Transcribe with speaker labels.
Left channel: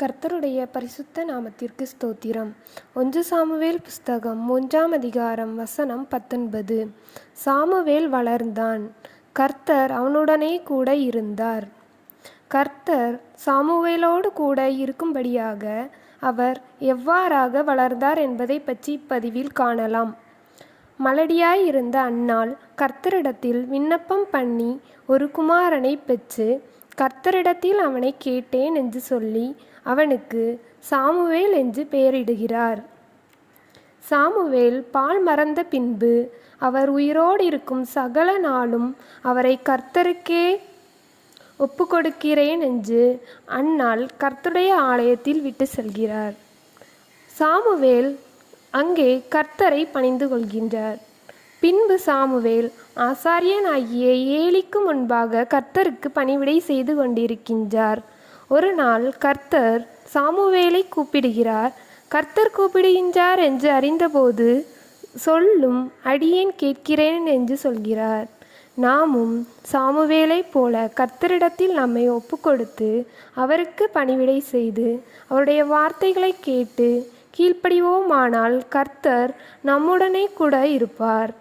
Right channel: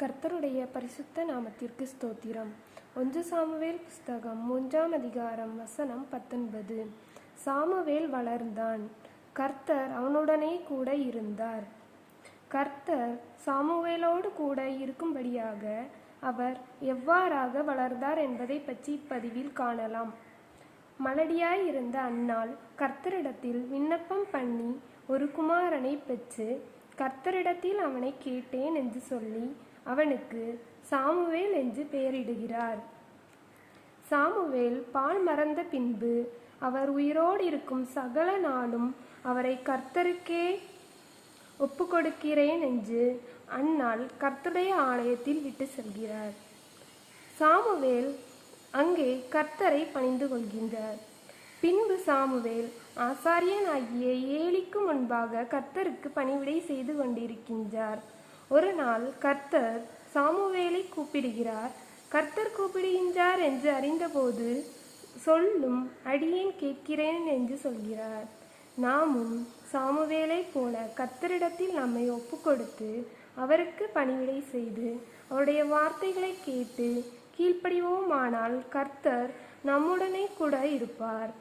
Speaker 1: கர்த்தருடைய பரிசுத்த நாமத்திற்கு ஸ்தோத்திரம். ஒன்று சாமுவேல் புஸ்தகம் மூன்றாம் அதிகாரம் வசனம் பத்தொன்பது. சாமுவேல் வளர்ந்தான். கர்த்தர் அவனுடனே கூட இருந்தார். கர்த்தர் சாமுவேலோடு கூட இருக்கும்படியாக அவர் எவ்வாறாக வளர்ந்தார் என்பதை பற்றி இப்பதிவில் காணலாம். மலடியாய் இருந்த அன்னாள் கர்த்தரிடத்தில் விண்ணப்பம் பண்ணி ஒரு குமாரனை பெற்று கர்த்தரிடத்தில் அவனை கேட்டேன் என்று சொல்லி அவனுக்கு சாமுவேல் என்று பெயரிடுகிறார். சாமுவேல் பால் மறந்த பின்பு அவர் உயிரோடு இருக்கும் சகல நாளும் அவரை கர்த்தருக்கே ஒப்புக்கொடுக்கிறேன் என்று அன்னாள் கர்த்தருடைய ஆலயத்தில் விட்டு செல்கிறார். சாமுவேல் அங்கே கர்த்தரை பணிந்து கொள்கின்றார். பின்பு சாமுவேல் ஆசாரியனாகிய ஏலிக்கு முன்பாக கர்த்தருக்கு பணிவிடை செய்து கொண்டிருக்கின்றார். ஒரு நாள் கர்த்தர் சாமுவேலை கூப்பிடுகிறார். கர்த்தர் கூப்பிடுகின்றார் என்று அறிந்தபோது சொல்லும் அடியேன் கேட்கிறேன் என்று சொல்கிறார். நாமும் சாமுவேலைப் போல கர்த்தரிடத்தில் நம்மை ஒப்புக்கொடுத்து அவருக்கு பணிவிடை செய்து அவருடைய வார்த்தைகளை கேட்டு கீழ்ப்படிவோமானால் கர்த்தர் நம்முடனே கூட இருப்பார்.